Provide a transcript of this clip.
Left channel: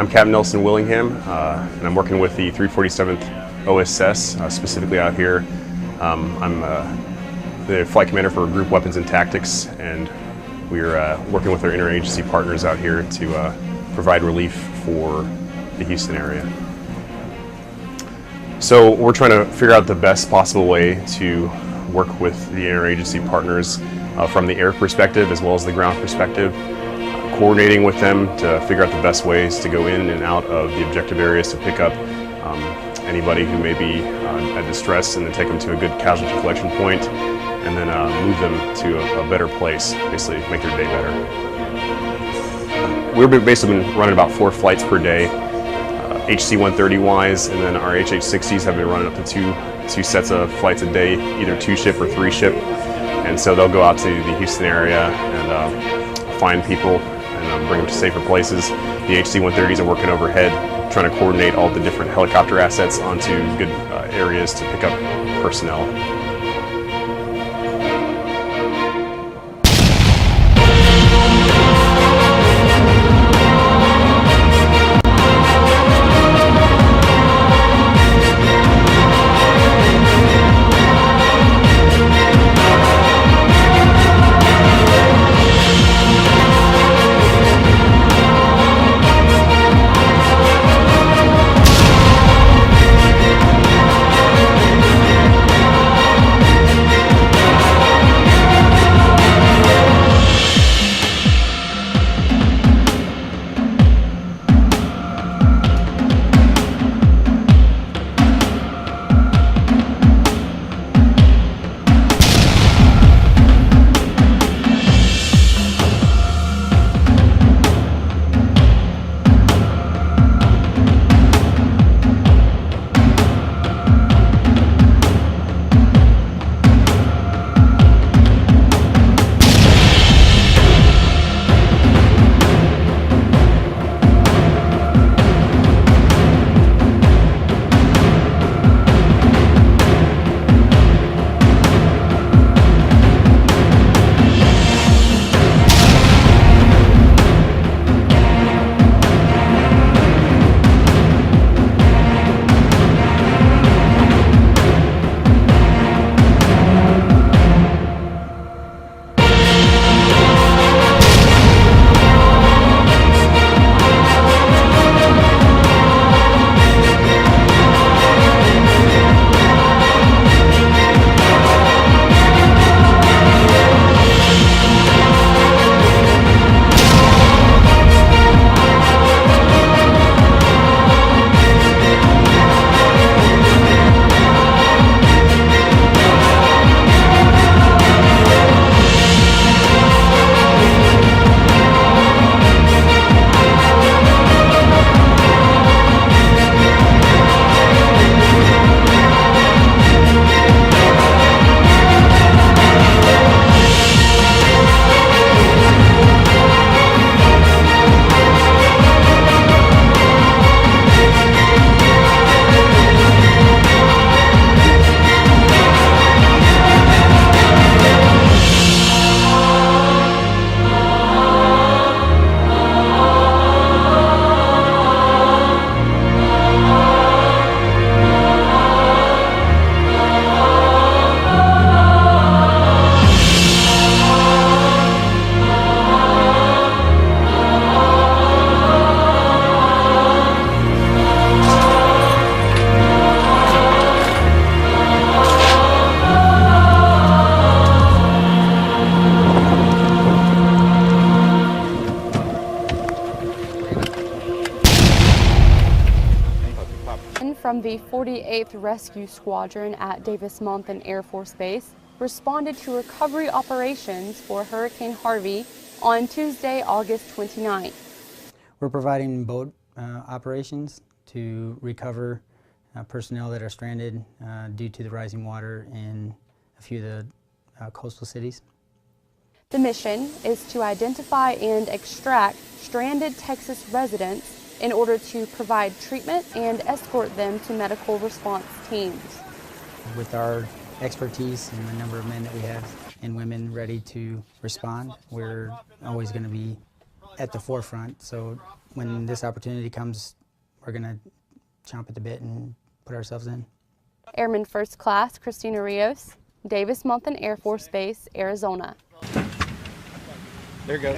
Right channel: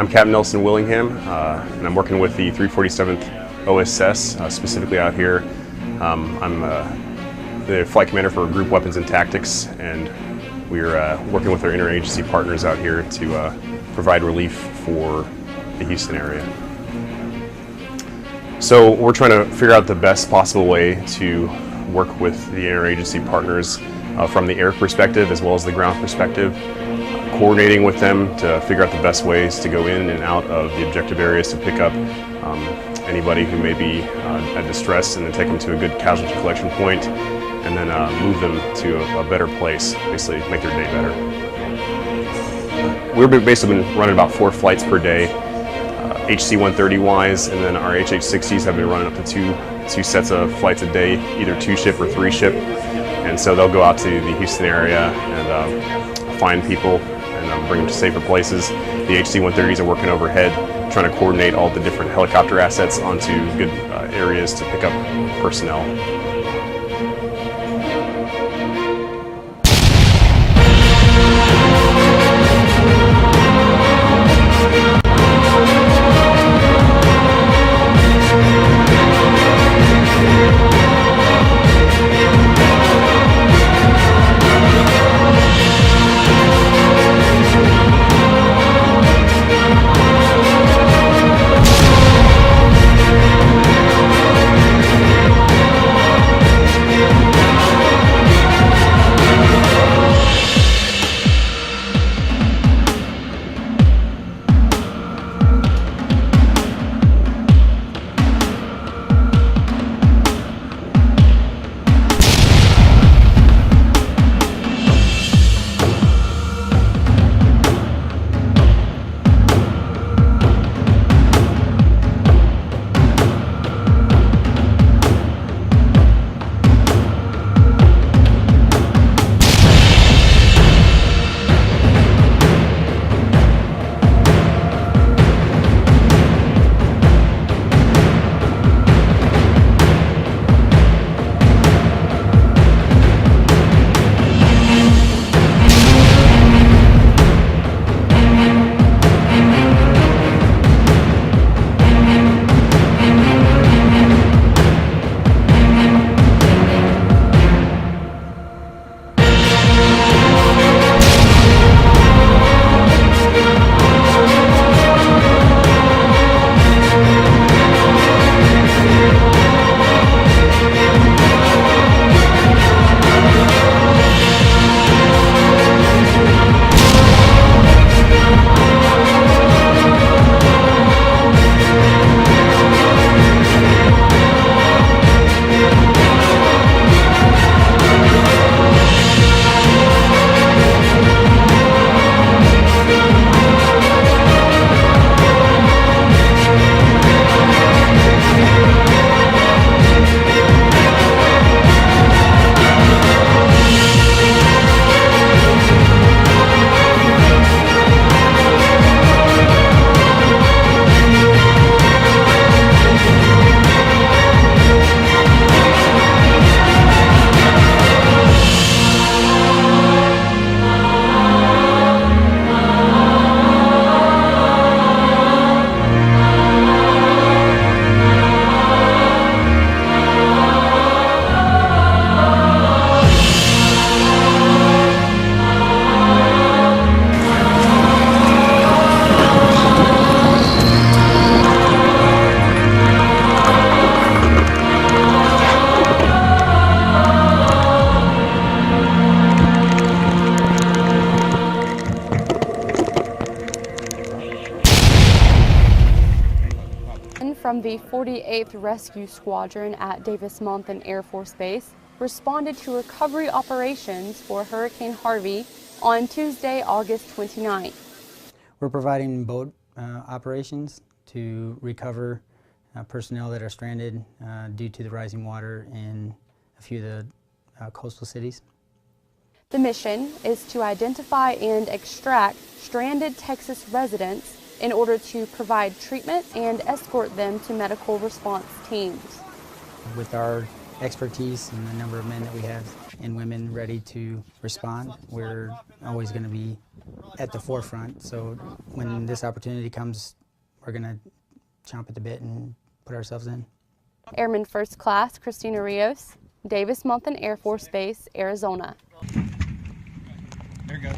I'm Captain Nelson Willingham, and I'm working with the 347th OSS, specifically out here. I'm the flight commander for Group Weapons and Tactics, and we're working with our interagency partners out here to provide relief for the Houston area. So we're trying to figure out the best possible way to work with the interagency partners from the air perspective as well as the ground perspective, coordinating with them to figure out the best ways to go in and out of the objective areas to pick up anybody who may be at distress, and then take them to a good casualty collection point, and then move them to a better place, basically make their day better. We've basically been running about 4 flights per day, HC-130 wise, and then our HH-60s have been running up to two sets of flights a day, either 2-ship or 3-ship. And so they'll go out to the Houston area and find people and bring them to safer places. The HC-130s are working overhead, trying to coordinate all the different helicopter assets onto good areas to pick up personnel. From the 48th Rescue Squadron at Davis-Monthan Air Force Base responded to recovery operations for Hurricane Harvey on Tuesday, August 29th. We're providing boat operations to recover personnel that are stranded due to the rising water in a few of the coastal cities. The mission is to identify and extract stranded Texas residents in order to provide treatment and escort them to medical response teams. With our expertise and the number of men that we have and women ready to respond, we're always going to be at the forefront. So when this opportunity comes, we're going to chomp at the bit and put ourselves in. Airman First Class Christina Rios, Davis Mountain Air Force Base, Arizona. There you go.